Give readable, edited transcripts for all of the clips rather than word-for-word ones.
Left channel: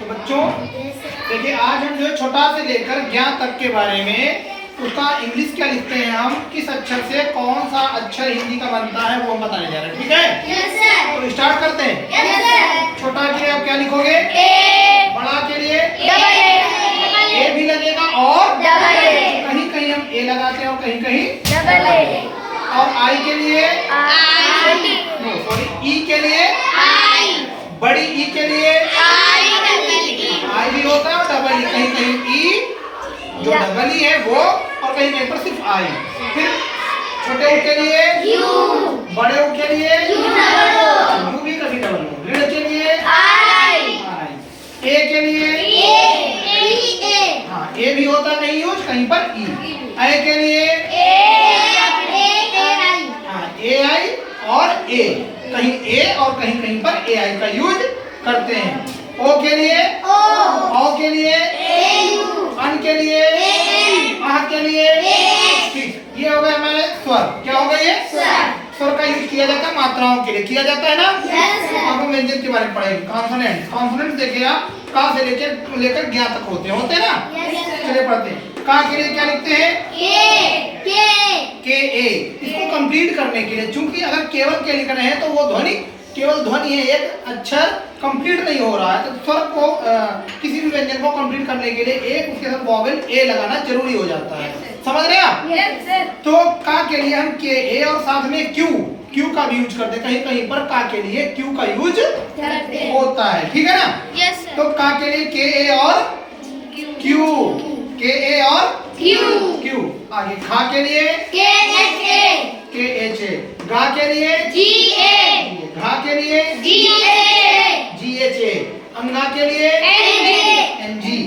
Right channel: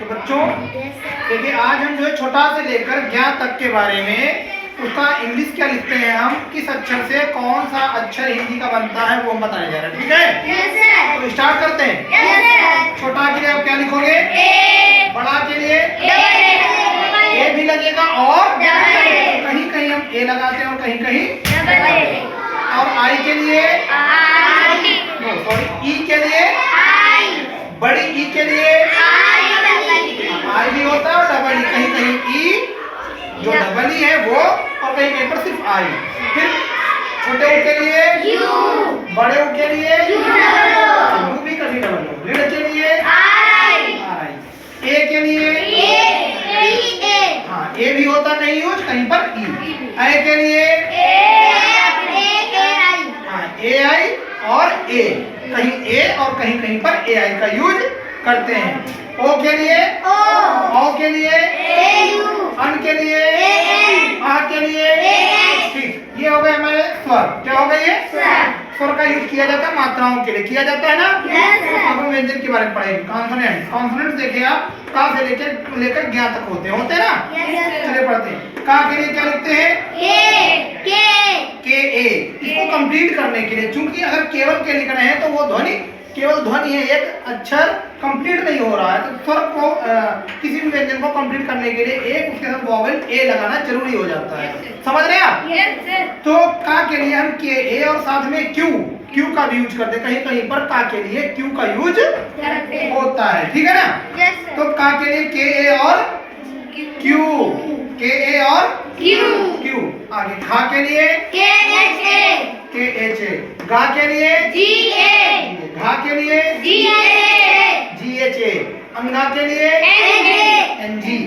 तो बच्चों देखिए, आज हम जो है छोटा से लेकर ज्ञान तक के बारे में उसका इंग्लिश क्या लिखते हैं, हम किस अक्षर से कौन सा अक्षर हिंदी का बनता है वो हम बताने जा रहे हैं। ठीक है? Yes sir. तो स्टार्ट करते हैं। Yes sir. छोटा के लिए आप क्या लिखोगे? ए। बड़ा के लिए ए भी लगेगा और डबल कहीं कहीं हम ए लगाते हैं और कहीं कहीं डबल और आई के लिए आई नो सॉरी ई के लिए आई बड़ी ई के लिए आई आई भी होता है और डबल ई, कहीं कहीं ई जो डबल ई है वो और कहीं कहीं पर सिर्फ आई। फिर छोटे ऊ के लिए यू बड़े ऊ के लिए यू डबल ओ यू भी कभी डबल हो। ऋण के लिए आई आई। ए के लिए ए हाँ ए भी होता कहीं यूज कहीं पर ई। आई के लिए आई हाँ ए आई और ए, कहीं ए और कहीं कहीं पर ए आई का यूज करते हैं। ओ के लिए ओ के लिए अन के लिए आ के लिए। ठीक, ये हो गए हमारे स्वर। क्या हो गए ये? स्वर का यूज किया जाता है मात्राओं के लिए, किया जाता है ना। अब हम व्यंजन के बारे में पढ़ेंगे। कॉन्सोनेंट, कॉन्सोनेंट देखिए आप का से लेकर ज्ञा तक होते हैं ना। चलिए पढ़ते हैं। का के लिए क्या लिखते हैं? के ए। इसको कंप्लीट करने के लिए, चूंकि अगर केवल के लिखना है तो वो ध्वनि केवल ध्वनि है, एक अक्षर कंप्लीट नहीं हो रहा है। तो स्वर को किसी भी व्यंजन को कंप्लीट करने के लिए एक उसके साथ वॉवेल ए लगाना जरूरी हो जाता है। समझ रहे हैं आप? तो का के लिए हम के ए और साथ में क्यू का भी यूज करते हैं। कहीं कहीं पर का के लिए क्यू का यूज होता है। ठीक है ना? तो का के लिए के ए और क्यू, के ए और क्यू। आगे खा के लिए के एच ए। गा के लिए घा के लिए जी एच ए। अंगा के लिए एन जी।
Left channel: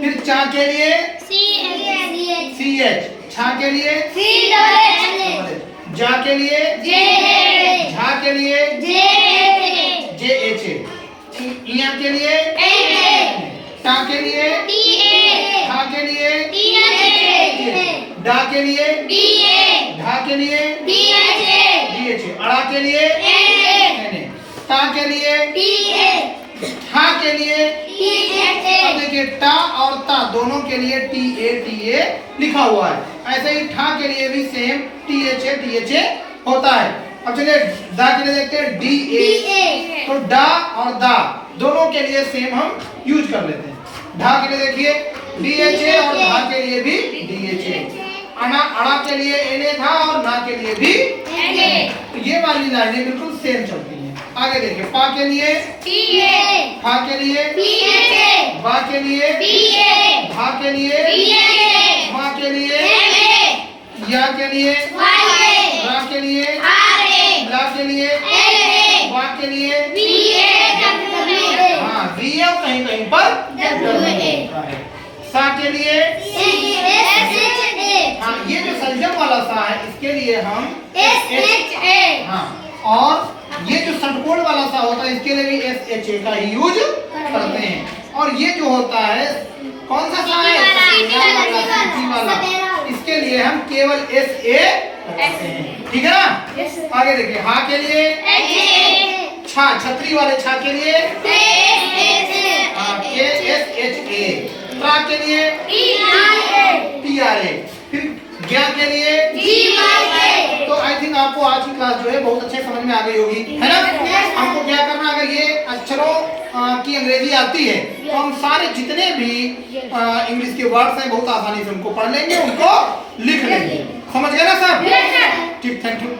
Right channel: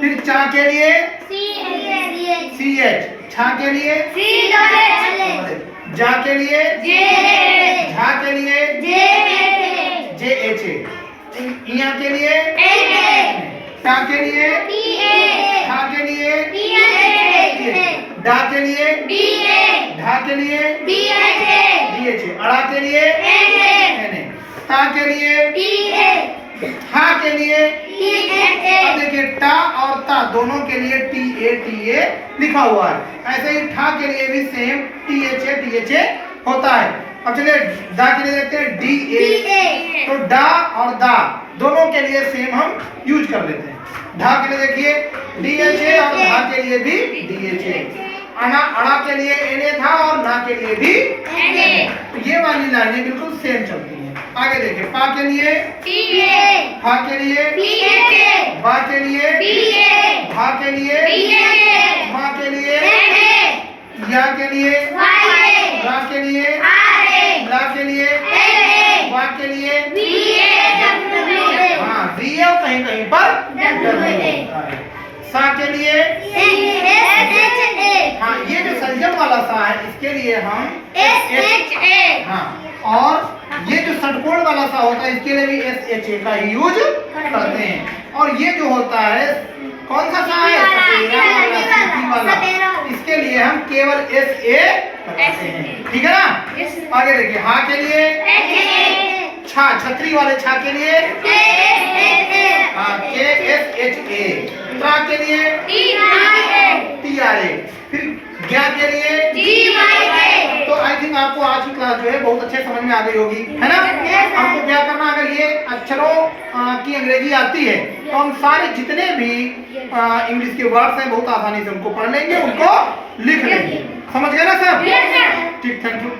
फिर चा के लिए सी एच। छा के लिए जा के लिए झा के लिए जे एच ए। इया के लिए टा के लिए ठा के लिए डा के लिए ढा के लिए डी एच ए। अड़ा के लिए एन ए। ता के लिए हा के लिए अब देखिए टा और ता दोनों के लिए टी ए लिखा हुआ है। ऐसे ही ठा के लिए भी सेम टी एच ए होता है। अब चलिए दा के लिए देखते हैं डी ए। तो डा और दा दोनों के लिए सेम हम यूज कर लेते हैं। ढा के लिए देखिए डी एच ए और धा के लिए भी डी एच ए। अड़ा के लिए एन ए था और ना के लिए भी तो ये वाली लाइनें बिल्कुल सेम चलती हैं। आगे देखिए पा के लिए फा के लिए बा के लिए भा के लिए मा के लिए या के लिए रा के लिए ला के लिए वा के लिए हाँ वी है कहीं कहीं पर होता है। सा के लिए हाँ ये जो संजम वाला सा है इसके लिए हम हाँ, और ये जो षटकोण वाला सा होता है इसके लिए भी एस एच ए का ही यूज करते हैं। और ये जो होता है कौन सा सा है? सपेरा वाला, इसके लिए हम केवल एस ए करते हैं। ठीक है ना? आगे देखिए हा के लिए छा, छतरी वाले छा के लिए के एस एच ए। त्रा के लिए टी आर ए। फिर ज्ञा के लिए तो आई थिंक आपको आज की क्लास जो है बहुत अच्छे समझ में आ गई होगी, है ना? हमको क्या करना, अगर ये अक्षरों की अंग्रेजी आती है तो हम सारे जितने भी इंग्लिश के वर्ड्स हैं बहुत आसानी से उनको पढ़ लेंगे, उनको लिख लेंगे। समझ गए ना सब? ठीक, थैंक यू।